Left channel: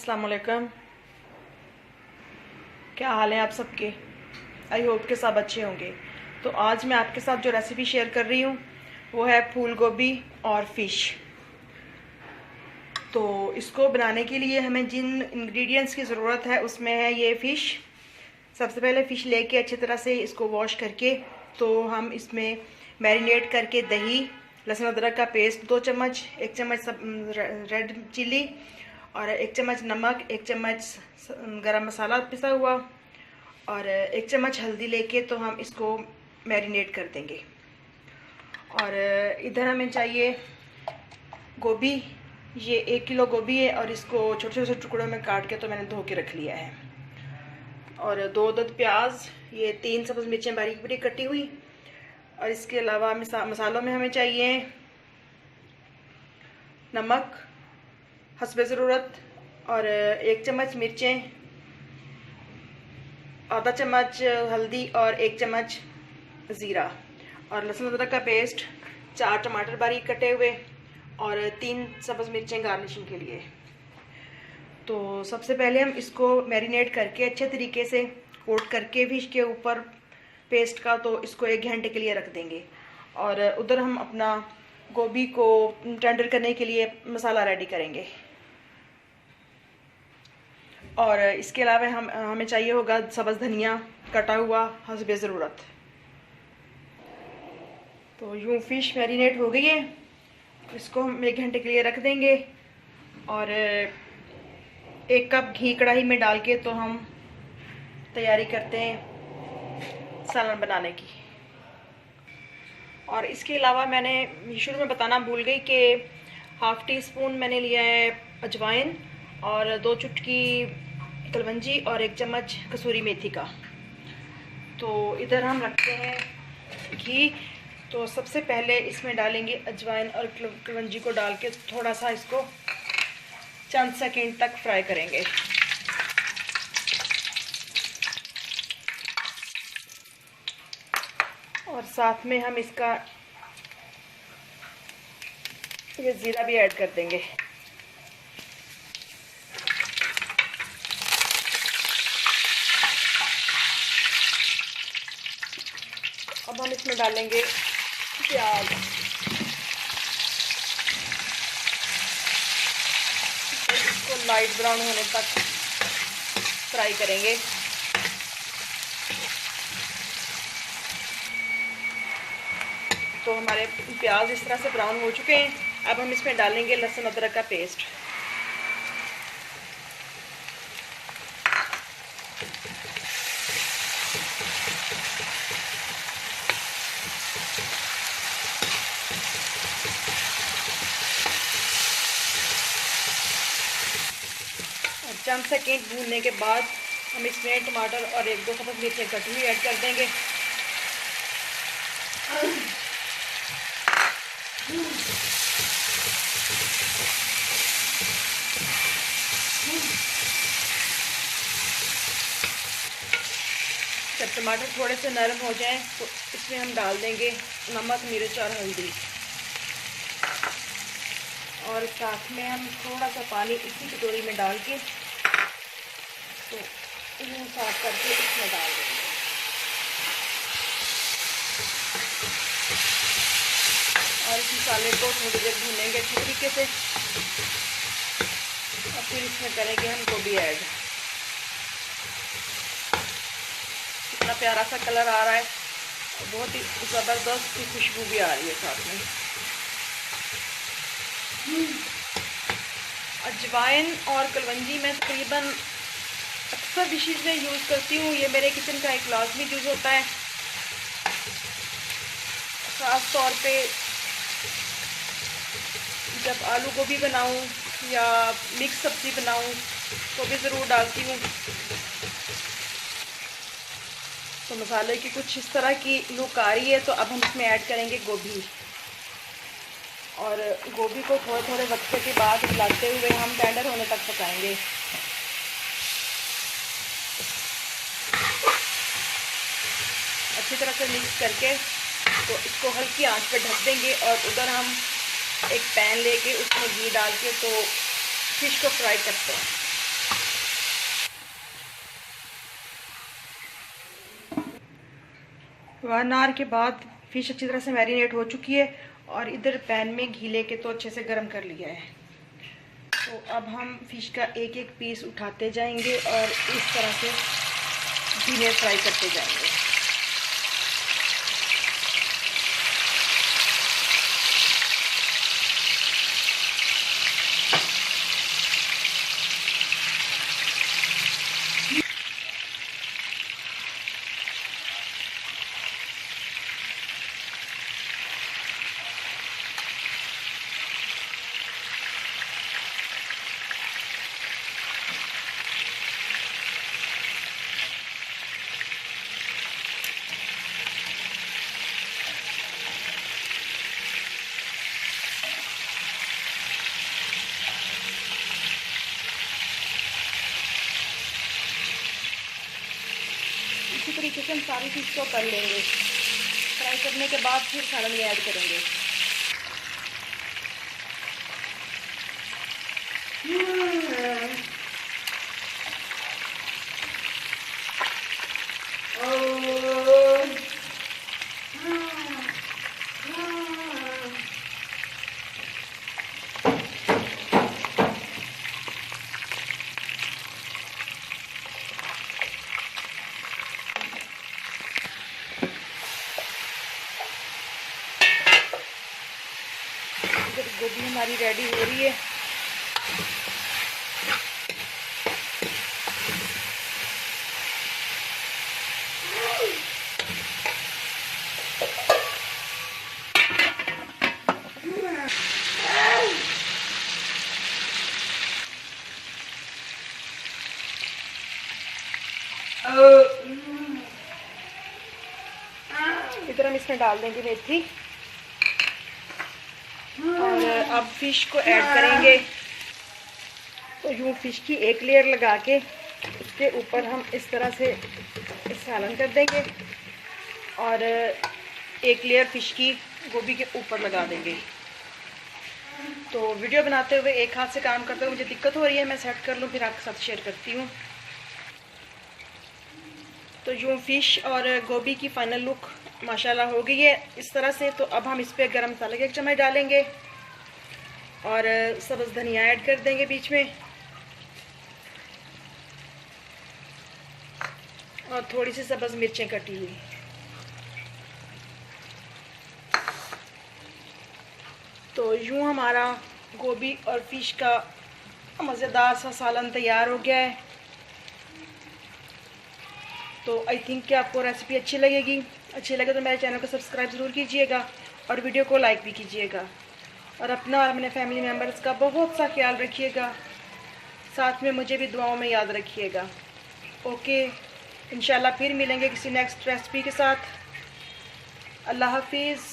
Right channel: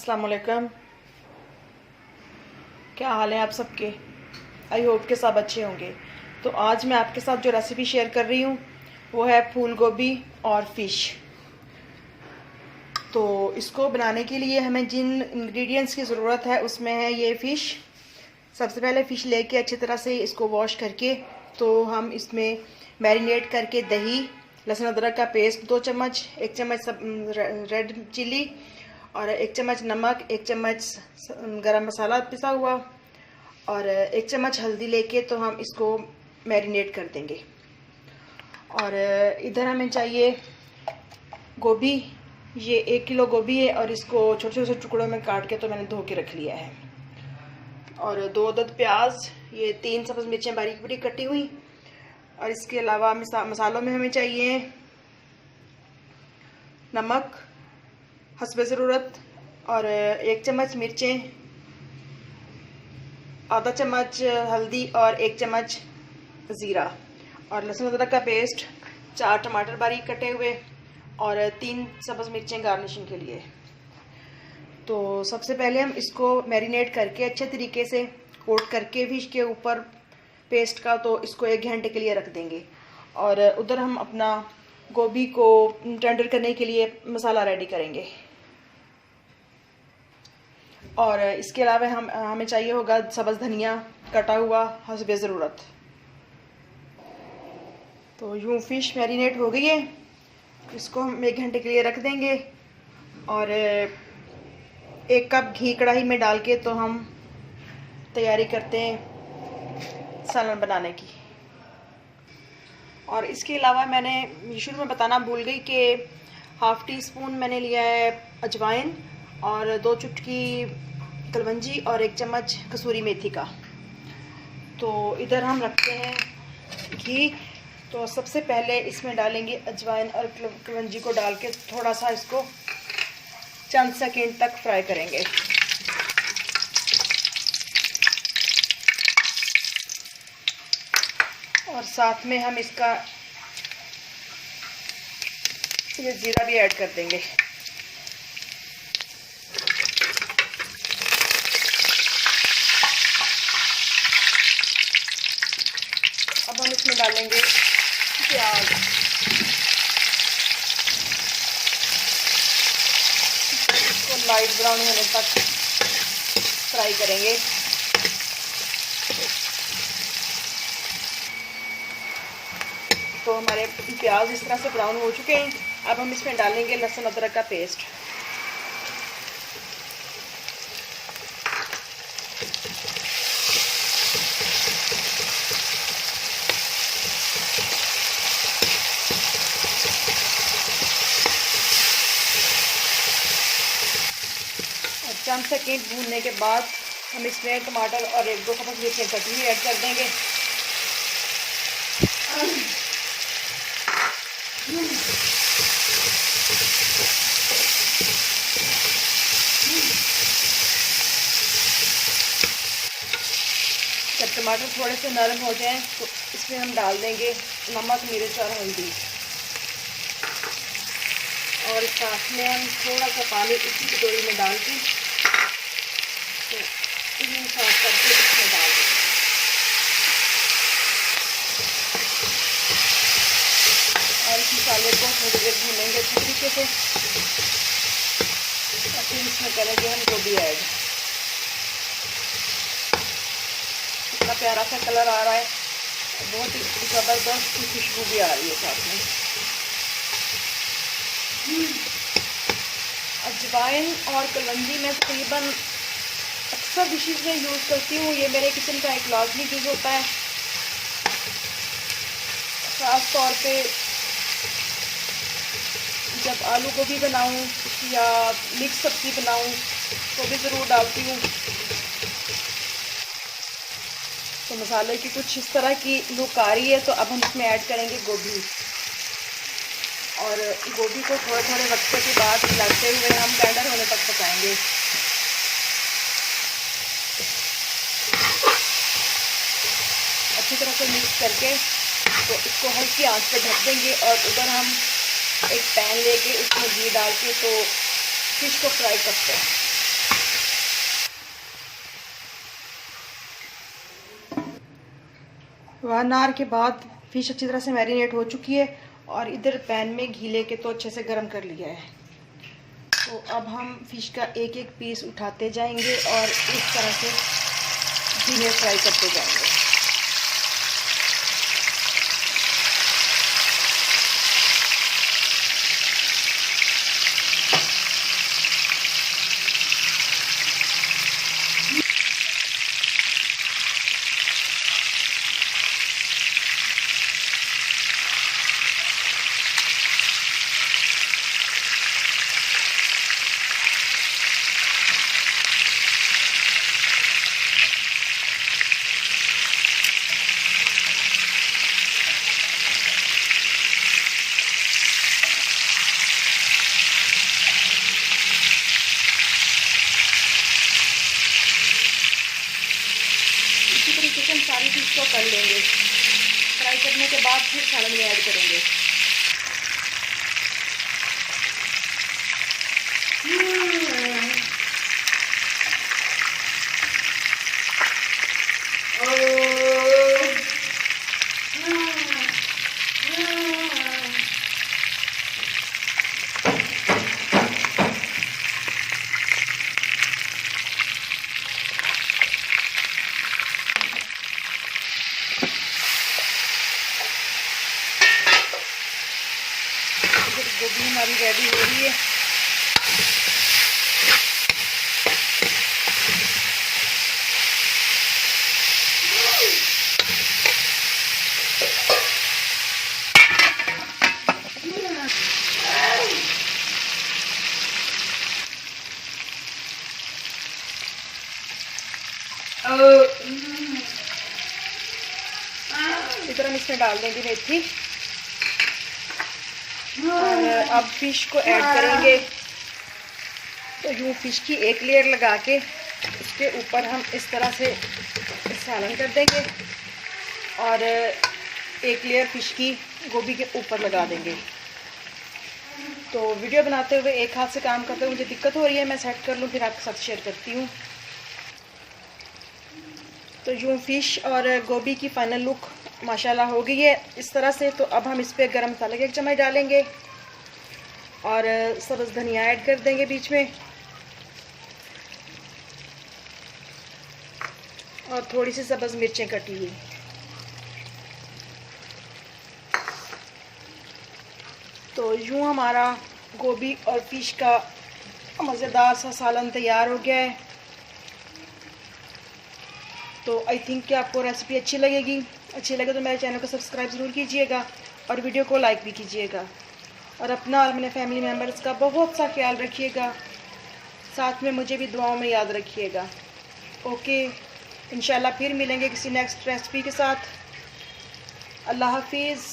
अस्सलाम वालेकुम। क्या हाल है आप सबके? आई होप के सब अच्छे होंगे। तो आज मैं आपके साथ जो रेसिपी शेयर कर रही हूँ वो है फूल गोभी और फ़िश। तो इसको बनाने के लिए हमें जिन इंग्रेडिएंट्स की ज़रूरत है उसमें है ये फ़िश। सबसे पहले फ़िश लेके अच्छी तरह से इसको वॉश करके तो हम इसमें मैरिनेट करके दही, लहसुन अदरक का पेस्ट 2 चम्मच, 1 चम्मच रेड चिली और 1 चम्मच नमक, 1 चम्मच गरम मसाला पिसा हुआ और 1 चम्मच हल्दी लेके तो हम इसको मैरिनेट कर देंगे। और इधर हमें चाहिए गोभी। ये 1 किलो गोभी है और इसको छोटे छोटे टुकड़ों में काट के तो मैंने धो के रख लिया है। और 2 अदद प्याज, ये 3 सब्ज़ मिर्चें बारीक बारीक कटी हुई। और इसके अलावा मसालों में हमें चाहिए नमक हस्बे ज़रूरत और 1 चम्मच मिर्चें, आधा चम्मच हल्दी और 1 चम्मच ज़ीरा और लहसुन अदरक का पेस्ट, 4 टमाटर बारीक कटे हुए और 3 सब्ज़ मिर्चें गार्निशिंग के लिए। तो सबसे पहले हम इसको मैरिनेट करके अच्छे तरीके से कोट करके फिश के ऊपर पेस्ट का तो इसको 1 घंटे के लिए रख देंगे। और उधर हम अपना गोभी को टेंडर करने के लिए मसाला रेडी करेंगे। और इसके अलावा हमें चाहिए होगा सब्ज़ धनिया कटा हुआ हस्बे ज़रूरत। तो यूँ फ़िश मैरिनेट हो गई है, इसको हम 1 घंटे के लिए रख देंगे। और 1 कप घी कढ़ाई में डाल के तो हम तैयारी करते हैं सालन बनाने की। और इसके अलावा मैंने शुरू में बताना भूल गई कि हाफ़ टी स्पून मैंने लिया है अजवाइन और 2 चुटकी कलवंजी और 1 चम्मच कसूरी मेथी का। तो इधर हम रखते हैं घी। तो सबसे पहले इसमें डालेंगे अजवाइन और कलवंजी को डाल के थोड़ा सा इसको चंद सेकंड तक फ्राई करेंगे। और साथ में हम इसका ये ज़ीरा भी ऐड कर देंगे। अब हम इसमें डालेंगे प्याज। इसको लाइट ब्राउन होने तक फ्राई करेंगे। तो हमारे प्याज इस तरह से ब्राउन हो चुके हैं। अब हम इसमें डालेंगे लहसुन अदरक का पेस्ट। और चंद सेकंड भूनने के बाद हम इसमें टमाटर और 1-2 सब्ज़ मिर्चें कटी हुई ऐड कर देंगे। जब टमाटर थोड़े से नरम हो जाएं तो इसमें हम डाल देंगे नमक, मिर्च और हल्दी। और साथ में हम थोड़ा सा पानी इसी कटोरी में डाल के तो इन्हें साफ करके इसमें डाल देंगे। और इस मसाले को थोड़ी देर भूनेंगे अच्छी तरीके से और फिर इसमें करेंगे हम गोभी ऐड। इतना प्यारा सा कलर आ रहा है, बहुत ही ज़बरदस्त की खुशबू भी आ रही है साथ में। अजवाइन और कलवंजी मैं तकरीबन अक्सर डिशेज़ में यूज़ करती हूँ। ये मेरे किचन का एक लाजमी यूज़ होता है। ख़ास तौर पे जब आलू गोभी बनाऊँ या मिक्स सब्ज़ी बनाऊँ तो भी ज़रूर डालती हूँ। तो मसाले की कुछ इस तरह की लुक आ रही है। तो अब हम इसमें ऐड करेंगे गोभी। और गोभी को थोड़े थोड़े वक्त के बाद हिलाते हुए हम टेंडर होने तक पकाएंगे। अच्छी तरह से मिक्स करके तो इसको हल्की आंच पर ढक देंगे। और उधर हम एक पैन लेके उसमें घी डाल के तो फ़िश को फ्राई करते हैं। 1 आवर के बाद फ़िश अच्छी तरह से मैरिनेट हो चुकी है और इधर पैन में घी लेके तो अच्छे से गर्म कर लिया है। तो अब हम फ़िश का एक एक पीस उठाते जाएंगे और इस तरह से घी में फ्राई करते जाएंगे। इसी तरीके से हम सारी फिश को तल लेंगे। फ्राई करने के बाद फिर सालन में ऐड करेंगे। गोभी हमारी रेडी हो रही है। इधर हम इसमें डाल देंगे मेथी और अब फिश को ऐड करेंगे। तो यूँ फिश की एक लेयर लगा के उसके ऊपर हम इस तरह से सालन कर देंगे और एक लेयर फिश की गोभी के ऊपर लगा देंगे। तो वीडियो बनाते हुए एक हाथ से काम करते हुए मुझे दिक्कत हो रही है, मैं सेट कर लूँ फिर आपके साथ शेयर करती हूँ। तो यूँ फिश और गोभी की फाइनल लुक माशाल्लाह हो गई है इस तरह से। तो अब हम इस पर गरम मसाले का 1 चम्मच डालेंगे और सब्ज़ धनिया ऐड कर देंगे बीच में और थोड़ी सी सब्ज़ मिर्चें कटी हुई। तो यूँ हमारा गोभी और फिश का मज़ेदार सा सालन तैयार हो गया है। तो आई थिंक कि आपको रेसिपी अच्छी लगेगी। अच्छी लगे तो मेरे चैनल को सब्सक्राइब ज़रूर कीजिएगा और वीडियो को लाइक भी कीजिएगा और अपना और मेरे फैमिली मेम्बर्स का बहुत सा ख्याल रखिएगा। साथ में मुझे भी दुआओं में याद रखिएगा। ओके, इंशाल्लाह फिर मिलेंगे किसी नेक्स्ट रेसिपी के साथ। अल्लाह हाफिज़।